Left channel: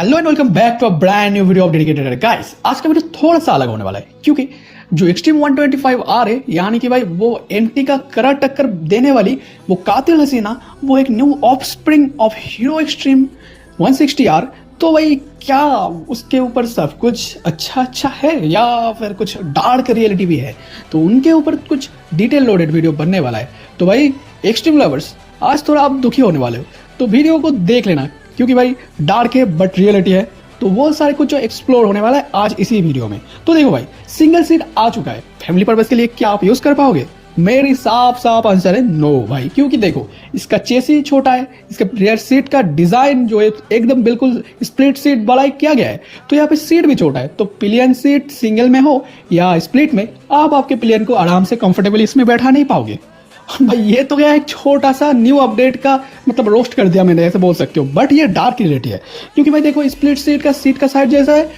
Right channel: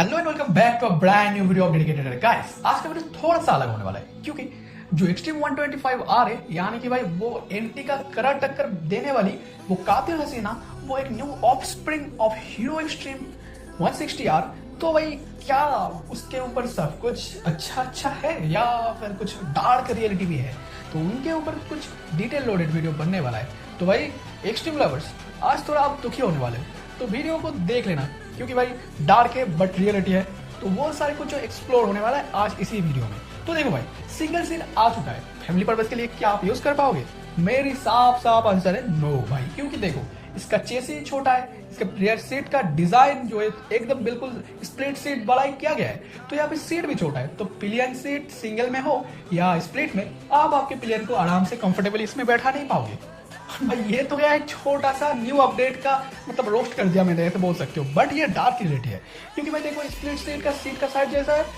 Hello and welcome back to a brand new video of dedicated guys. आज का video थोड़ा सा अलग होने वाला है क्योंकि जो एक्सट्रीम 125R है यानी कि भाई वो एंटी का कड़ा टक्कर देने वाली वो कातिल हसीना वो एक new offspring of hero extreme 160R। तो भाई क्या उसके ऊपर सब कुछ अच्छा है या फिर कुछ डार्क रियलिटी भी है, तो उनके ऊपर कुछ डिटेल लोडेड वीडियो बनने वाला है। तो भाई एक्सट्रीम लवर्स आज थोड़ा आप दुखी होने वाले हो तो वीडियो को देख लेना क्योंकि भाई डार्क है बट रियलिटी है, तो वो सारे कुछ जो एक्सप्लोर होने वाला है आज इसी वीडियो में। तो देखो भाई सिंगल सीट आ चुका है, फैमिली पर्पस के लिए क्या आप यूज कर पाओगे? मेरी साफ आंसर है नो भाई, क्योंकि देखो इसका चेसी छोटा है, इसका रियर सीट का डिजाइन जो है एकदम बिल्कुल स्प्लिट सीट वाला किया गया है, तो यहाँ पे सीट भी छोटा है। तो पिलियन सीट सिंगल में हो या स्प्लिट में आप आपके पिलियन को आराम से कंफर्टेबली इसमें बैठा नहीं पाओगे। भाई ये तो क्या एक छोटा सा न्यू अपडेट का मतलब रोस्ट कर दिया मैंने, ऐसे बोल सकते हो, बट ये डार्क रियलिटी है क्योंकि भाई देखो स्प्लिट सीट का साइड जैसा है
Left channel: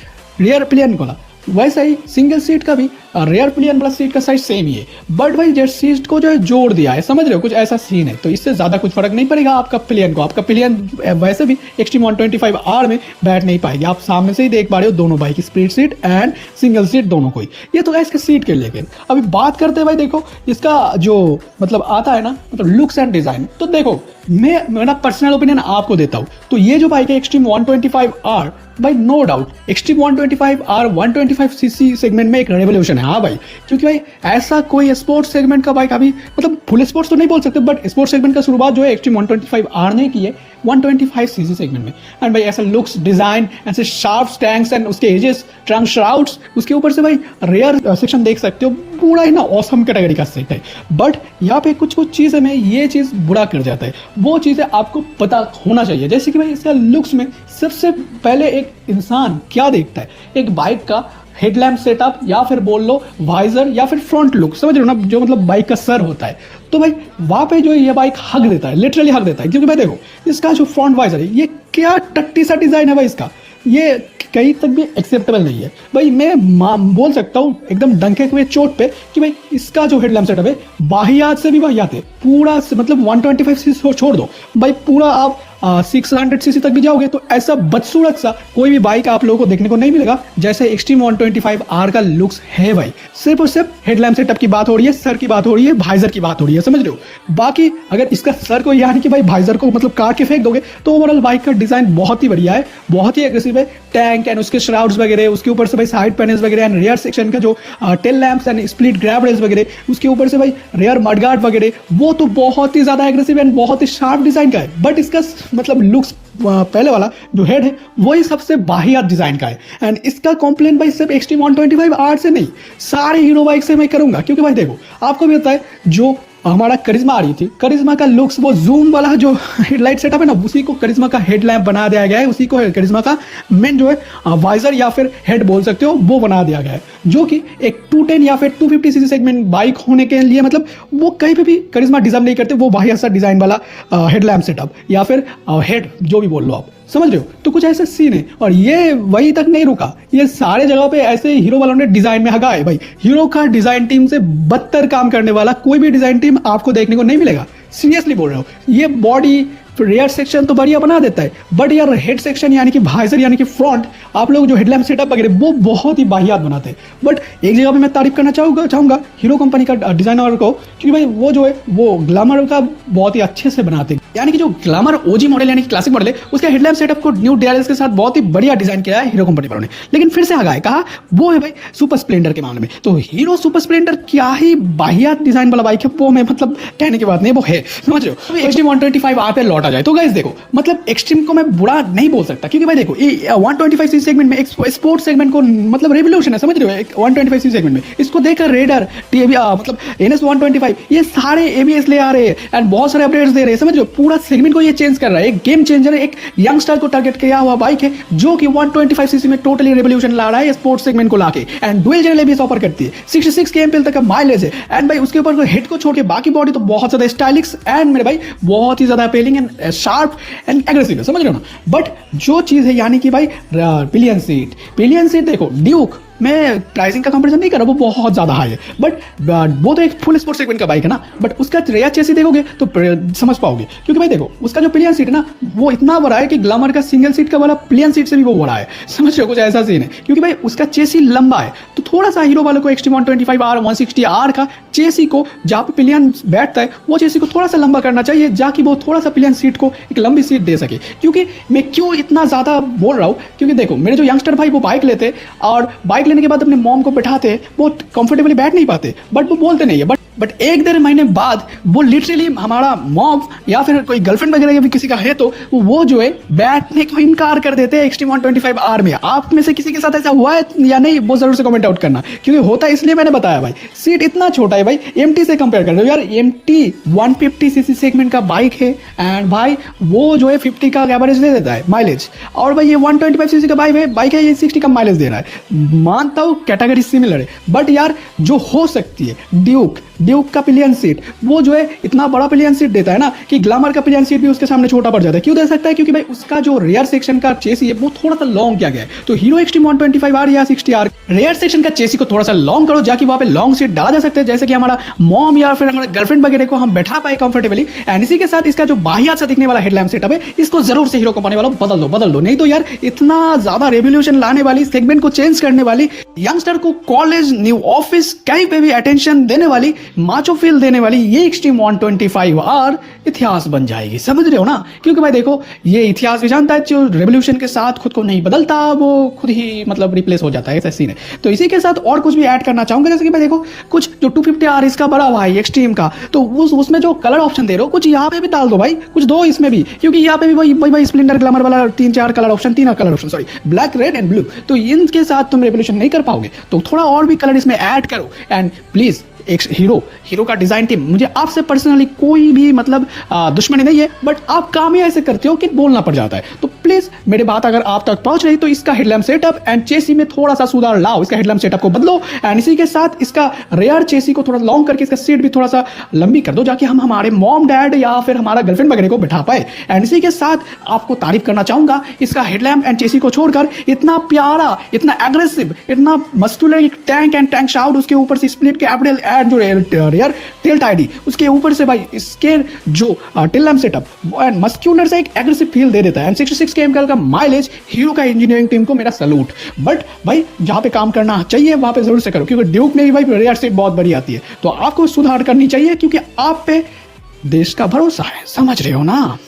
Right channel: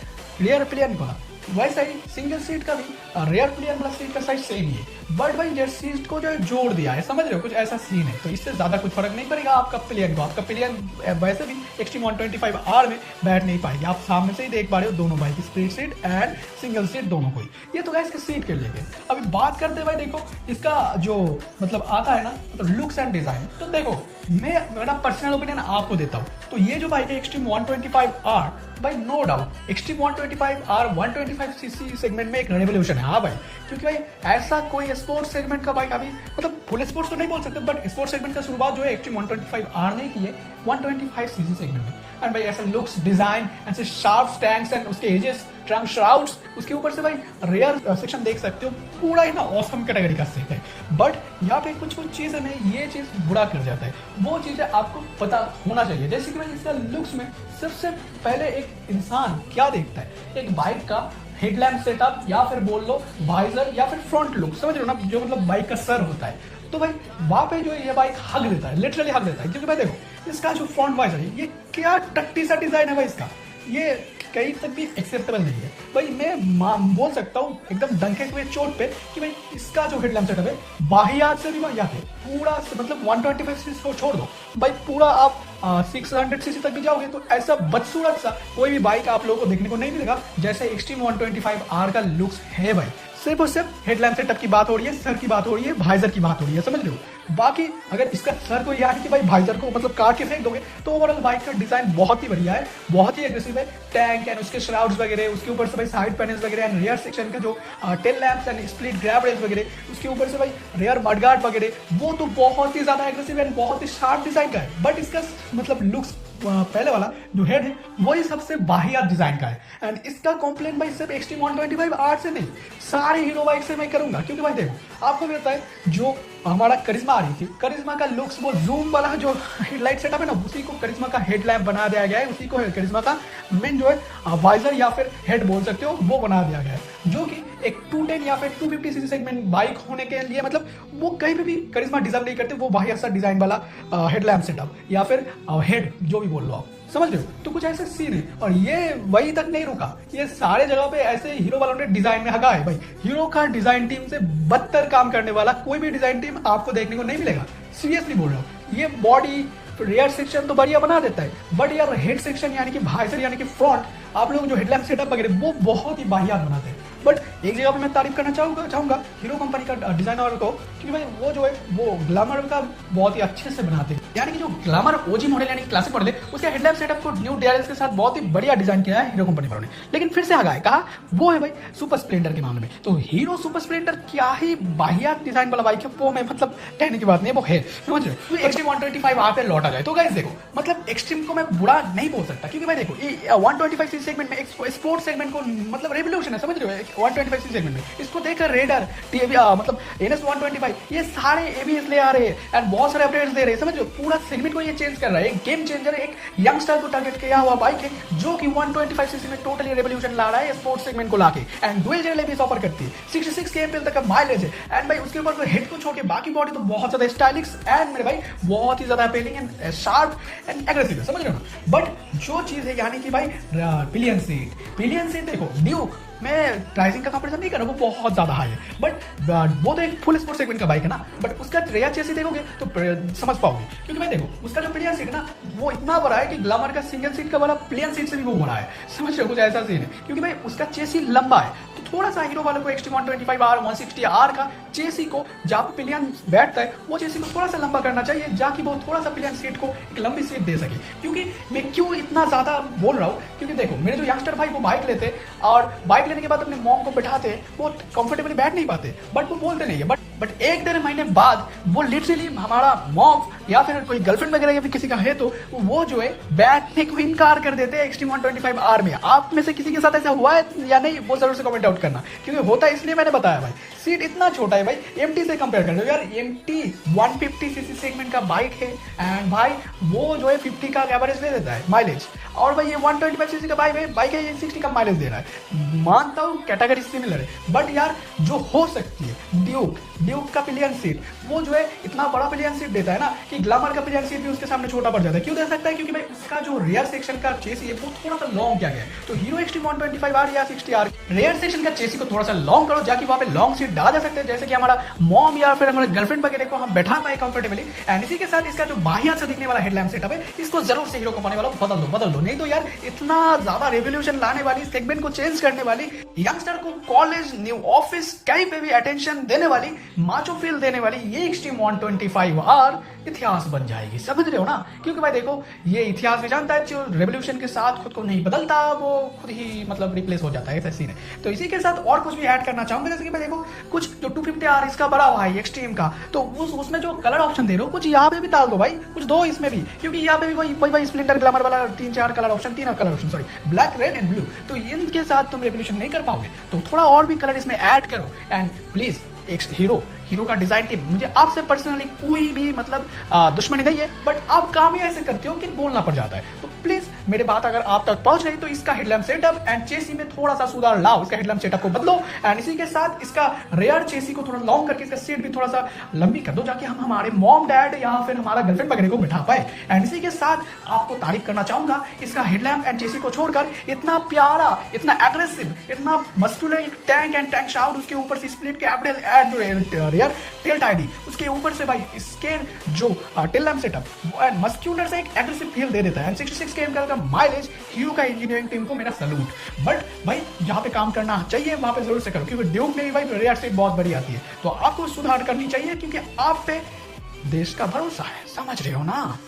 रियर पिलियन वाला, वैसा ही सिंगल सीट का भी रेयर पिलियन प्लस सीट का साइज सेम ही है, बट भाई जेट सीट को जो है जोड़ दिया है, समझ रहे हो, कुछ ऐसा सीन है। तो इससे ज्यादा कुछ फर्क नहीं पड़ेगा आपका पिलियन को, आपका पिलियन वैसे भी एक्सट्रीम 125R में बैठ नहीं पाएगी। आप सामने से ही देख पा रहे हो दोनों bike split seat and single seat दोनों को ही। ये तो है इसके सीट के लेके। अभी बात करते हैं भाई देखो इसका जो मतलब आता है ना मतलब लुक्स एंड डिजाइन, तो देखो मैं मेरा पर्सनल ओपिनियन आपको देता हूँ। तो ये जो बाइक है एक्सट्रीम 125R भाई no doubt extreme 125R 125cc segment में एक रेवोल्यूशन है। हाँ भाई, क्योंकि भाई ऐसा कोई स्पोर्ट्स सेगमेंट का बाइक अभी मतलब फुल स्पोर्ट्स तो नहीं बोल सकते बट स्पोर्ट्स सेगमेंट का शुरुआत जो है एक्सट्रीम 125R ने की है 125cc सेगमेंट में। एंड भाई ऐसा लुक्स डिजाइन ऐसे शार्प टैंक्स एंड उसके एजेस ट्रंक श्राउड्स, उसके ऊपर से भाई रेयर सेक्शन देख सकते हो, पूरा ही ना ऑसम कैटेगरी का सेट है। बट यहाँ पे कुछ चीजें में ये चीज बुरा कर जाता है, वो चीजें आपको पता होना चाहिए। जैसे कि भाई इसका लुक्स में सबसे पहले एक इंसान क्या देखता है, एक बाइक का हेडलैम्प सेटअप या फिर बोल लो वाइजर या फिर फ्रंट लुक, समझ रहे हो ना, जो मतलब बाइक का सर होता है। तो भाई वहां पे जो ये बाइक हक देता है, लिटरली हक देता है, क्योंकि भाई देखो इसका जो फ्रंट वाइजर है ये क्या टट्टी सा डिजाइन है भाई इसका, ये कहीं तक भी एक्सेप्टेबल नहीं है भाई। मैं बोल सकता हूँ एकदम डंके हुए चोट पे कि भाई इसका जो हेडलैम्प सेटअप है वाहियात से भी वाहियात है, पूरा मतलब 125cc छोड़ दो भाई, पूरा आप 600cc तक भी जाओगे तो ऐसा बदसूरत सा कोई भी बाइक आप लोगों को देखने को नहीं मिलेगा जैसे एक्सट्रीम 125R का लुक्स है भाई। सिर्फ और सिर्फ हेडलैम्प सेटअप की बात हो रही है, सर की बात हो रही है, वाइजर की बात हो रही है, समझ रहे हो। बाकी अगर इसका सर को यानी कि भाई वाइजर को मतलब काट के फेंक दोगे तो ओवरऑल बाइक का डिजाइन बहुत ही बढ़िया है, बहुत ही एग्रेसिव है। टैंक एंड उसके श्राउड्स वगैरह, उसके ऊपर से भाई साइड पैनल्स वगैरह एंड रियर सेक्शन का जो tail lamps and split grab rails वगैरह, उसके ऊपर से भाई रियर मडगार्ड वगैरह, वो तो बहुत ही ज्यादा एग्रेसिव एंड बहुत ही शार्प डिजाइन का है। बट इसका मतलब लुक्स पहले वाला जो हेड है वही सबसे वाहियात डिजाइन का है। एंड इसका कंप्लेंट भाई सिर्फ एक्सट्रीम 125R से नहीं, सारे हीरो बाइक से मैं करूंगा, क्योंकि भाई देखो आपको भी पता है जो हमारा करिश्मा आ रही थी, करिश्मा का लुक्स वो जूम वाला जो हेडलाइट सेटअप है ना, उसी को करिश्मा का हेडलैम्प बना दिया गया है, उसी को करिश्मा का मेन जो है वाइजर या फिर हेड बोल सकते हो वो बना दिया गया है, जो कि एक 210 या फिर 250cc सेगमेंट बाइक होने के लिए मतलब वो कहीं पे भी करिश्मा डिजर्व नहीं करते, वो वाहियात सा डिजाइन वाला हेडलैम्प सेटअप या फिर हेड जो भी बोल लो आप, समझ रहे हो। तो कुछ ऐसा सीन है और ये वहीं तक नहीं रुका, ये सारे जगह पे ऐसे हीरो वालों ने डिजाइन में हगा है भाई। हीरो का डिजाइन टीम से बदतर काम करने वाला कोई भी डिजाइन टीम आपको देखने को नहीं मिलेगा, सीरियसली बोल रहा हूँ। ये बॉडी रेयर सेक्शन तो बढ़िया बना देता है बट यार हेड सेक्शन यानी कि वाइजर यानी कि फ्रंट आप लोग जो हेडलैम्प सेटअप वगैरह वो बहुत ही वाहियात बनाते हैं। बट एक जगह पे मैं तारीफ करना चाहूंगा हीरो कंपनी का डिजाइनर को, क्योंकि भाई वो जो है वो ग्लैमर का बहुत ही अच्छे से बनाते हैं, यानी कि जो ग्लैमर ओजी मॉडल यानी कि क्लासिक मॉडल है उसके हेडलैम्प सेटअप को न्यू डीआरएस के साथ बहुत ही बढ़िया डिजाइन किया है हीरो कंपनी वालों ने। लेकिन फिर से आगा है कहा वो है भाई सुपर स्प्लेंडर के मामले में, तो हीरो सुपर स्प्लेंडर क्या ही वाहियात डिजाइन वाला बाइक है, वो मैं मतलब कहने की बात नहीं, वो है, समझ रहे हो। एक्सट्रीम 125R पे लौटा जाए तो गाइस देखो मतलब एक्सट्रीम को मैं बुरा नहीं बोल सकता, क्योंकि भाई देखो ये 125cc सेगमेंट में स्पोर्ट्स सेगमेंट को मतलब रेवोल्यूशन है, समझ रहे हो। 125cc सेगमेंट में इसको देखकर रेडर मतलब NS 125 ये सारे ABS ले आ रहे हैं एंड बहुत सारे अपडेट्स दे रहे हैं, समझ रहे हो। पूरा सेगमेंट को ये चेंज कर रहा है, एक गेम चेंजर है, एक यंगस्टर को टारगेट किया हुआ बाइक है जो कि 125cc में टोटली रेवोल्यूशन ला रहा है स्पोर्ट्स सेगमेंट को लाके, and dual channel ABS offer करती है, 66 kmpl तक का माइलेज है। एंड भाई उसके ऊपर हेड को छोड़ के बाकी बॉडी तो बहुत ज्यादा स्टाइलिश एंड मेरे भाई बहुत ही ज्यादा appealing and sharp and aggressive है, समझ रहे हो ना। बट जो चीज है यानी कि भाई पिलियन सीट देखो ड्यूक मैं प्राइसिंग का कंपैरिजन नहीं कर रहा, वो बहुत ज़्यादा हाई है, बट वो तो एक फुल स्पोर्ट सेगमेंट का बाइक है ना, बट उसका रेयर चेसी देखोगे तो समझ पाओगे, क्योंकि भाई देखो उसका जो पिलियन सीट है ना वो इतना बड़ा है कि ग्लैमर का सिंगल सीट का वाला पिलियन सीट से भी वो बड़ा है, समझ रहे हो, कुछ ऐसा सीन है, क्योंकि भाई उसका चेसी लंबा है। तो थोड़ा सा हीरो वालों को एक्सट्रीम 125R 160R का चेसी को जहाँ पे पिलियन बैठता है वो चेसी को थोड़ा सा लंबा करना चाहिए, जाकि वो थोड़ा सा पिलियन सीट को एक लंबी सीट दे सके। क्योंकि मैं क्यों इतना ज़्यादा बोल रहा हूँ, क्योंकि देखो मेरे जो यंगस्टर भाई वो बाइक लेते और बाइक लेने के बाद अपने मॉम को बैठाते, वो कंफर्टेबली बैठ नहीं पाते, बट वो बोलते नहीं है, बट एक डेढ़ महीने बाद वो लिटरली हमारा मॉम या फिर कोई गर्लफ्रेंड वगैरह भी किसी का है तो वो जो है बैठने को इनकार कर देते हैं एक्सट्रीम 125R में। आप में से किसी के साथ ऐसा हुआ है या नहीं, वो जरूर से कमेंट आउट करना, क्योंकि होता है इसलिए मैंने बताया भाई। सीट इतना छोटा है भाई, MT से कंपेयर कर रहे हो यार, MT 150cc सेगमेंट का बाइक है एंड भाई वो जो है 50 का एवरेज दे देता है माइलेज, और भाई ये 125cc का बाइक है, ये 60 का माइलेज दे रहा है। मानता हूँ कैटेगरी सिमिलर है, बट यार जो हो सकती है ड्यूक का पिलियन सीट वो जो है इतना बड़ा पिलियन सीट देता है ना कि ग्लैमर का पिलियन सीट भी उसके सामने छोटा पड़ जाता है। क्यों दे सकता है, क्योंकि भाई उसका जो रेयर सेक्शन का चेसी है वो थोड़ा सा लॉन्ग किया गया है। तो हीरो एक्सट्रीम 125R या 60R रेयर सेक्शन का चेसी को थोड़ा सा लॉन्ग करो, जाकि वहां पे लॉन्ग सीट डाला जा सकता है, जैसे कि हमारा मॉम या फिर हमारा गर्लफ्रेंड वगैरह को हम बैठा पाए कंफर्टेबली। एंड इसी के साथ इसका जो बाहियात से दिखने वाला हेडलैम्प सेटअप है इसको जरूर से हीरो कंपनी वालों बदल दो, नहीं तो यार इतना ज्यादा रेवोल्यूशन लाने वाली, सेगमेंट को चेंज करने वाली, यंगस्टर को कॉलेज न्यू ऑफिस कहीं पे भी अटेंशन देने वाली, माचो फील देने वाली ये एक्सट्रीम 125R इतिहास बन जाएगी, समझ रहे हो ना। क्योंकि भाई देखो ये इतिहास भी जानता है, जो रेवोल्यूशन के साथ खुद को नहीं बदलता वो खुद ही मतलब रिप्लेस हो जाता है, ऐसा सीन है। तो इसी के साथ और कुछ भी ऐड करना चाहूंगा, जैसे कि भाई देखो कुछ जो 250R इसका बड़ा हुआ है एक्सट्रीम का, तो उसमें जो कलर ऑप्शन दे रहे हो कुछ यहाँ पे भी डाल दो भाई, कुछ दो इसमें भी, क्योंकि यहाँ पे भी भाई स्प्लेंडर ग्लैमर वाला तीन colour option sorry black red and blue, तो इनके साथ तुम रेवोल्यूशन नहीं कर पाओगे, तो थोड़ा और भी कलर इसमें ऐड करो। एंड प्लीज एक हीरो का डिजाइन टीम, मुझे आपसे पर्सनली कोई भी मतलब दुश्मनी नहीं है, बट आप काम ही ऐसे करते हो कि बोलना पड़ जाता है। तो प्लीज मेरी बात अगर आप तक पहुंच रही तो इसका हेडलैम्प सेटअप एंड चेसी में थोड़ा सा सुधार लाओ, इसका हेडलैम्प सेटअप को बदलो, एंड इसी के साथ इसका रेयर चेसी को थोड़ा लॉन्ग करके इसका सीट भी थोड़ा सा लंबी कर दो, जाकि हम हमारे मॉम डैड या फिर हमारा गर्लफ्रेंड वगैरह को बिठा पाए। एंड इसी के साथ आपको तारीफ करना चाहूंगा, इसका हेडलैम्प एंड चेसी को छोड़कर इतना प्यारा, इतना एग्रेसिव, इतना muscular tank and tank shout, उसके ऊपर से स्प्लिट कैपिटल एंड जो रेयर टिल्ट आईडी, उसके ऊपर से भाई इसके जो till lamp setup and muscular से एक एग्रेसिव फील दे देता है। एंड 66 km का माइलेज, हीरो का इंजीनियरिंग टीम को मेरा सैल्यूट। बट भाई जहां पे काम करना चाहिए वहां पे जरूर से करो, क्योंकि ड्यूक में भी भाई रेयर सीट बहुत बड़ी आती है, तो आपको सुधार करनी चाहिए, क्योंकि आप पे देश का भरोसा है, समझ रहे हो ना।